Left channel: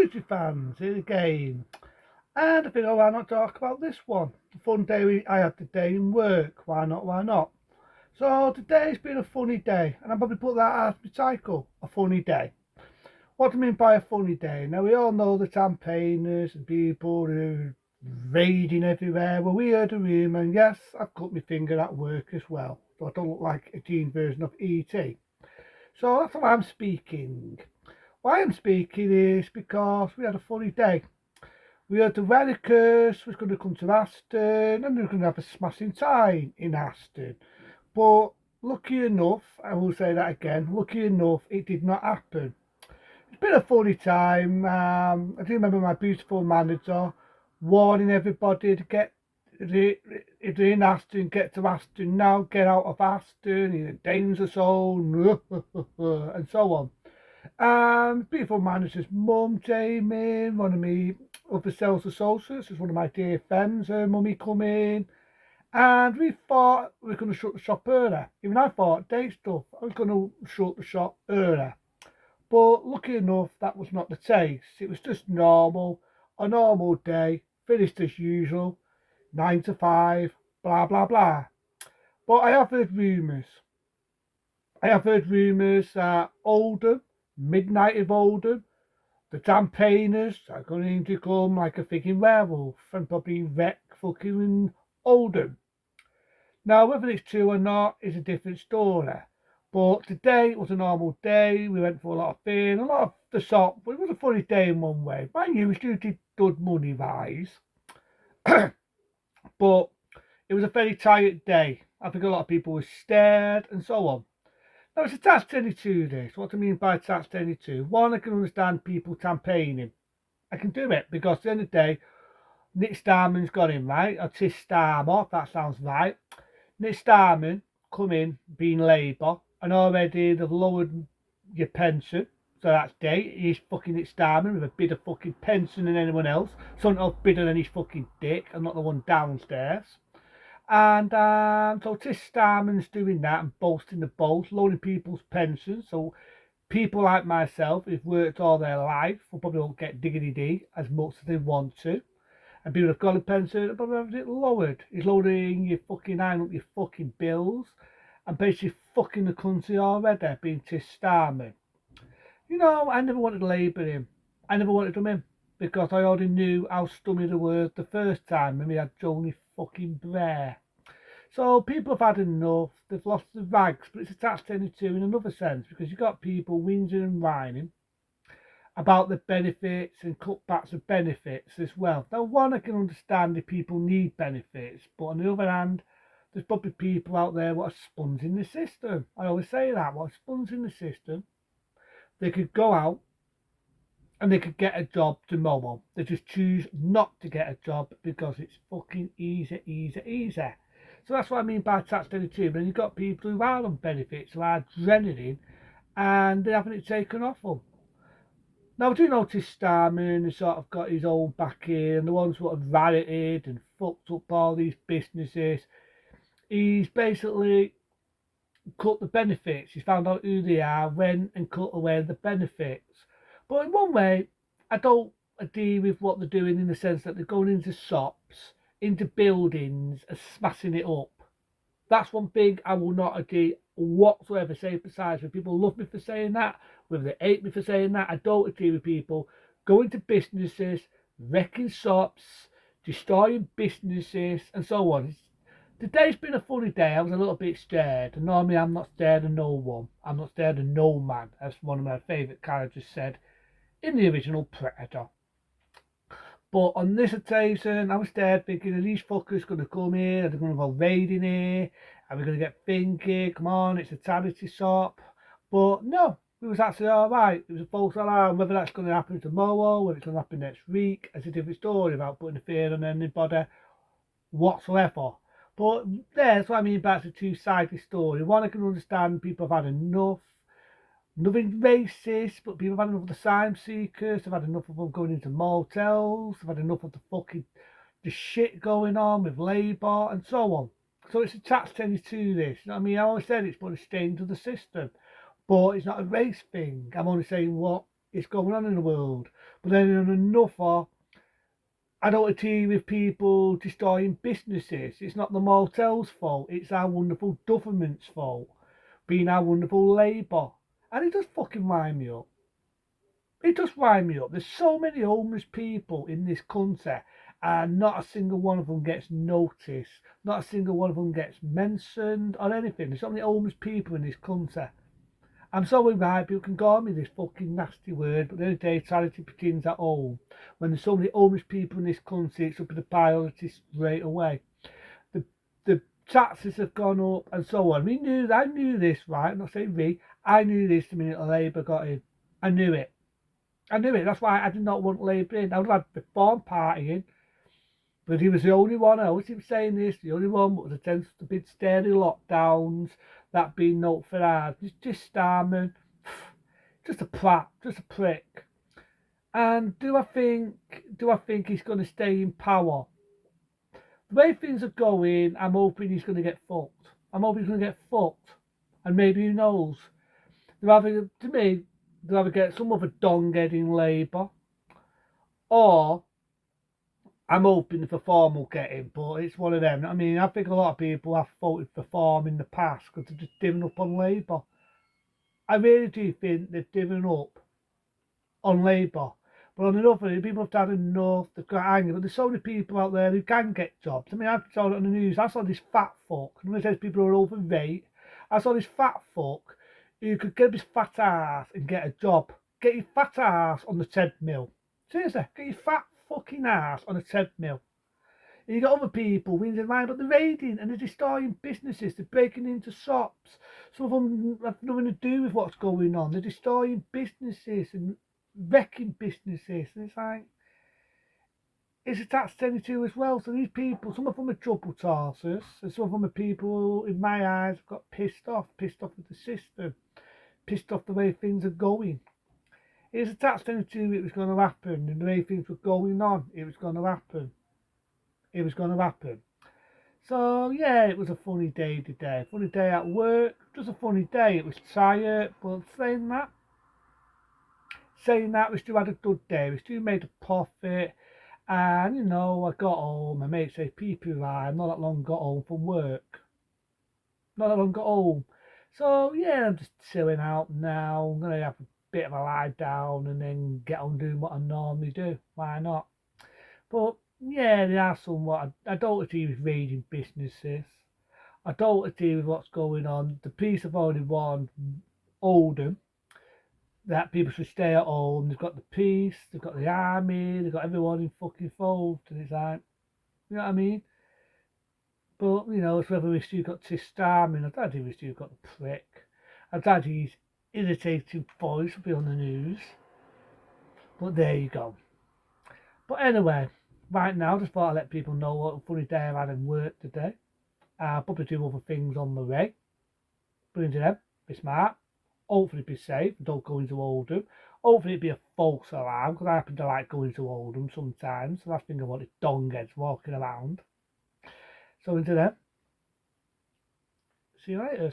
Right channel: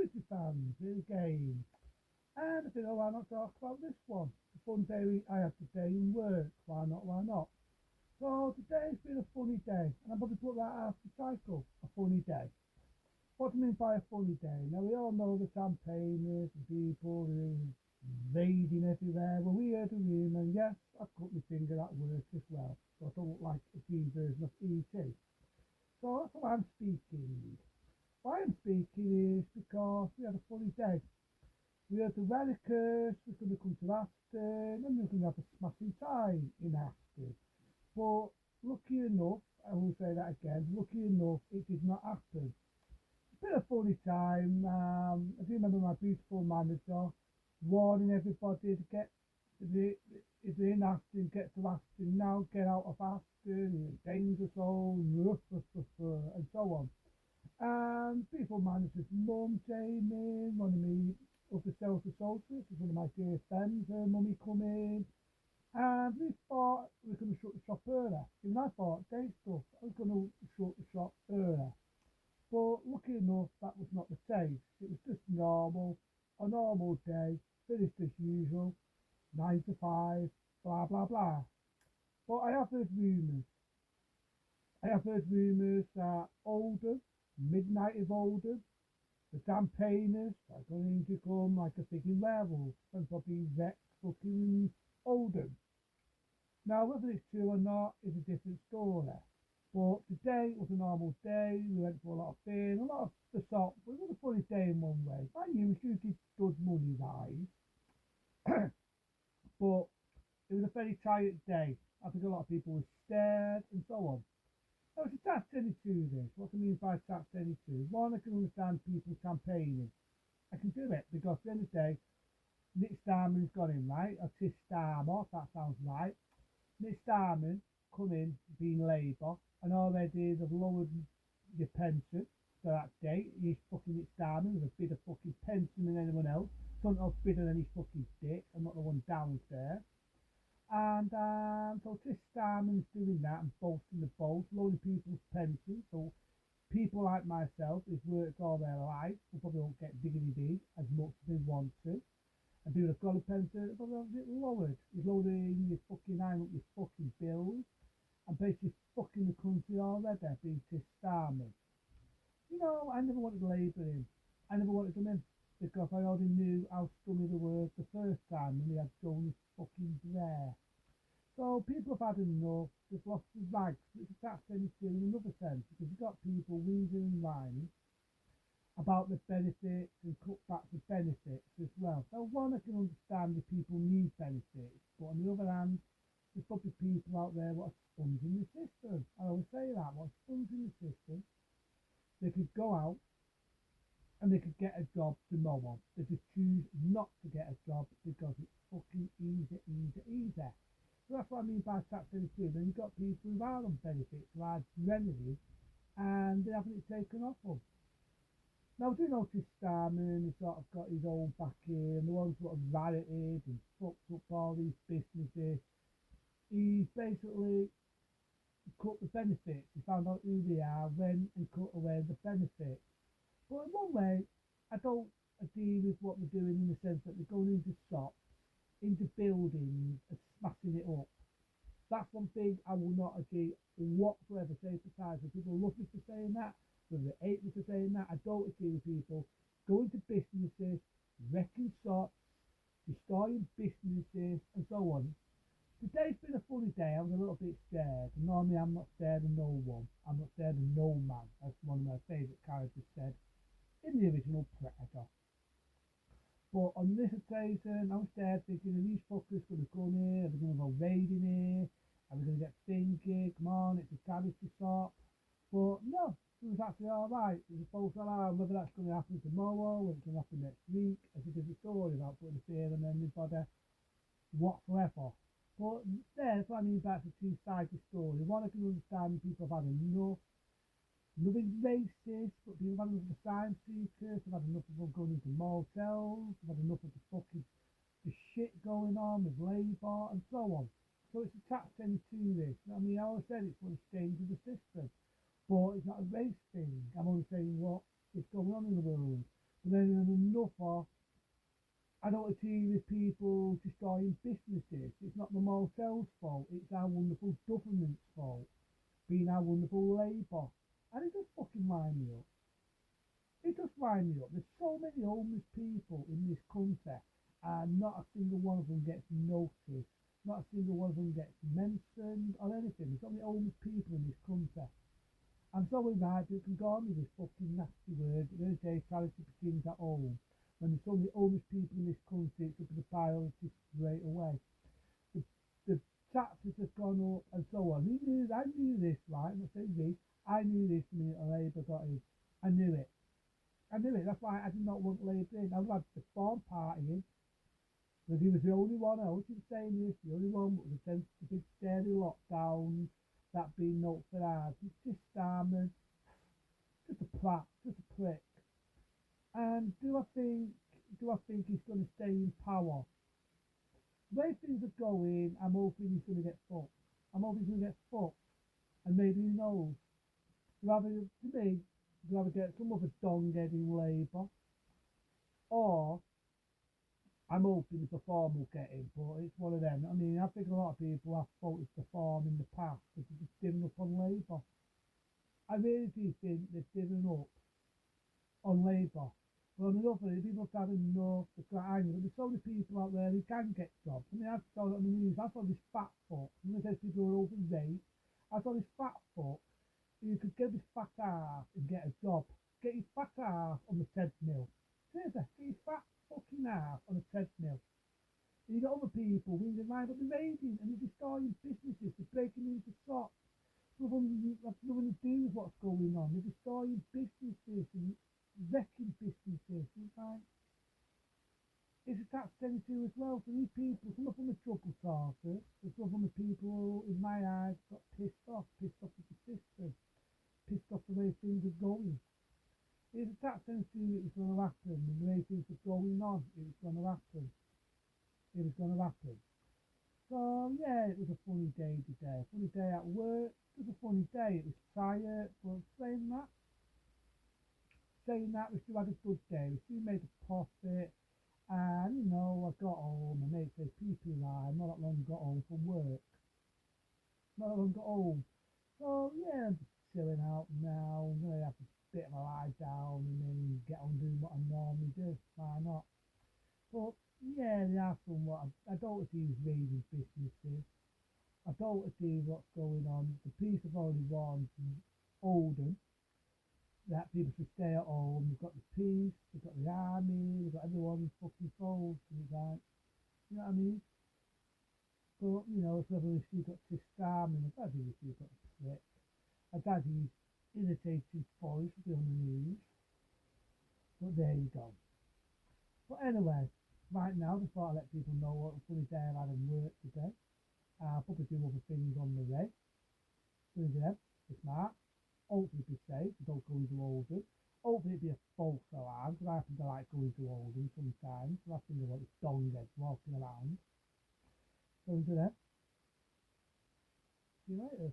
Footy fans here again, and I think, oh, why not talk about this one? The fun day I had today in work. Why not? Why not? So today's been a funny day, and I probably put that as my cycle, a funny day. What do I mean by a funny day? Now we all know the campaigners and people who are raiding everywhere. Well, we heard a rumour, and yes, I've cut my finger at work as well, so I don't look like a teen version of ET. So that's why I'm speaking. Why I'm speaking is because we had a funny day. We heard the Venicus was going to come to Aston and they were going to have a smashing time in Aston. But lucky enough, I will say that again, lucky enough, it did not happen. It's been a funny time. I do remember my beautiful manager warning everybody to get if they're in Aston, get to Aston now, get out of Aston, in a danger zone, and so on. Beautiful manager's mum, Jamie, one of me other sales associates, is one of my dear friends, her mummy come in, and we thought we were going to shut the shop earlier. Even I thought, day stuff, I was going to shut the shop earlier. But lucky enough, that was not the case. It was just normal, a normal day, finished as usual, 9 to 5, blah, blah, blah. But I have heard rumours that Oldham, midnight of Oldham, the campaigners are going to come like a freaking werewolf and probably wreck fucking Oldham. Now, whether it's true or not is a different story. But today was a normal day. We went for a lot of beer, a lot of the shop. But it was a funny day in one way. Mind you, we still did good money wise. But it was a very tired day. I think a lot of people were scared and so on. Now, it's a task 22 this. What do I mean by task 22? One, I can understand people campaigning. I can do it because at the end of the day, Nick Starman's got him right, or Tis Starmer, if that sounds right. Nick Starman come in being Labour, and already they've lowered your pension. So that's day. He's fucking Nick Starman with a bit of fucking pension than anyone else. Something else bigger than his fucking dick, and not the one downstairs. And so Tis Starman's doing that and boasting the boast, lowering people's pensions. So people like myself who've worked all their life will probably won't get diggity D as much as they want to. And people have got a pension will probably have it lowered. He's lowering your fucking iron up your fucking bills and basically fucking the country already, being Tis Starman. You know, I never wanted to Labour him. I never wanted him in because I already knew how scummy they were the first time when we had Joni fucking Blair. So people have had enough. They've lost the rags, but it's attached to 22 in another sense because you've got people whinging and whining about the benefits and cutbacks of benefits as well. Now, one, I can understand if people need benefits, but on the other hand, there's probably people out there what are sponging the system. I always say that, what are sponging the system. They could go out and they could get a job tomorrow. They just choose not to get a job because it's fucking easy, easy, easy. So that's what I mean by tax 22. But you've got people who are on benefits, who are dreading and they're having it taken off them. Now, I do notice Starman has sort of got his own back here, and the ones who have rioted and fucked up all these businesses, he's basically cut the benefits. He's found out who they are, went and cut away the benefits. But in one way, I don't agree with what they're doing in the sense that they're going into shops, into buildings, and smashing it up. That's one thing I will not agree whatsoever. Say besides, when people love me for saying that, whether they hate me for saying that, I don't agree with people going to businesses, wrecking shops, destroying businesses, and so on. Today's been a funny day. I was a little bit scared. And normally I'm not scared of no one. I'm not scared of no man, as one of my favourite characters said in the original Predator. But on this occasion, I was there thinking, are these fuckers going to come here? Are they going to go raiding here? Are we going to get finky? Come on, it's a charity shop. But no, it was actually alright. It was a false alarm. Whether that's going to happen tomorrow, whether it's going to happen next week, it's a different story about putting a fear on anybody whatsoever. But yeah, that's what I mean about the two-sided story. One, I can understand people have had enough. Nothing racist, but people have had enough of the asylum seekers. They've had enough of them going into motels. They've had enough of the shit going on with Labour and so on. So it's a tax 22 this. You know what I mean? I always said it's put a stain to the system, but it's not a race thing. I'm only saying what is going on in the world. But then on another, I don't agree with people destroying businesses. It's not the motels' fault. It's our wonderful government's fault. Being our wonderful Labour. And it does fucking wind me up. It does wind me up. There's so many homeless people in this country, and not a single one of them gets noticed. Not a single one of them gets mentioned or anything. There's so many homeless people in this country. I'm sorry, right, people can call me this fucking nasty word, but the other day charity begins at home. When there's so many homeless people in this country, it's up in the priority straight away. The the taxes have gone up and so on. I knew this, right? I'm not saying we. I knew this the minute Labour got in. I knew it. I knew it. That's why I did not want Labour in. I would have had the Reform Party in. But he was the only one, I always keep saying this, the only one that was against the big scary lockdowns, that being note for ours. Just Starman, just a prat, just a prick. And do I think he's going to stay in power? The way things are going, I'm hoping he's going to get fucked. I'm hoping he's going to get fucked. And maybe who knows? To me, they'll either get some other donghead in Labour, or I'm hoping the Farm will get him, but it's one of them. I mean, I think a lot of people have voted for Farm in the past because they've just given up on Labour. I really do think they've given up on Labour. But on another hand, people have had enough, they've got angry. But there's so many people out there who can get jobs. I mean, I saw it on the news. I saw this fat fuck, and when it says people who are overweight, I saw this fat fuck who could get his fat ass and get a job. Get your fat ass on the treadmill. Seriously, get your fat fucking ass on a treadmill. And you got other people whinging around about the raiding and they're destroying businesses, they're breaking into shops. Some of them have nothing to do with what's going on. They're destroying businesses and wrecking businesses. And it's like, it's a tax 22 as well. So these people, some of them are trouble tossers, and some of them are people, in my eyes, have got pissed off with the system, pissed off the way things are going. It's a tax 22, it was going to happen, and the way things were going on, it was going to happen. It was going to happen. So yeah, it was a funny day today. Funny day at work. Just a funny day. It was tired, but saying that, we still had a good day. We still made a profit, and I got home. My mate said, "PP, I'm not that long got home from work. Not that long got home." So yeah, I'm just chilling out now. I'm gonna have a bit of a lie down and then get on doing what I normally do. Why not? But yeah, there are somewhat. I don't agree with raiding businesses. I don't agree with what's going on. The police have already warned Oldham that people should stay at home. They've got the police, they've got the army, they've got everyone in fucking fold. And it's like, you know what I mean? But, it's whether we still got Tis Starman. I don't think we still got the prick. I don't think his irritating voice will be on the news. But there you go. But anyway, right now, just thought I'd let people know what a funny day I've had in work today. I'll probably do other things on the way. But into them, be smart. Hopefully be safe. Don't go into Oldham. Hopefully it'd be a false alarm, because I happen to like going to Oldham sometimes. The last thing I want is dongheads walking around. So into them. See you later.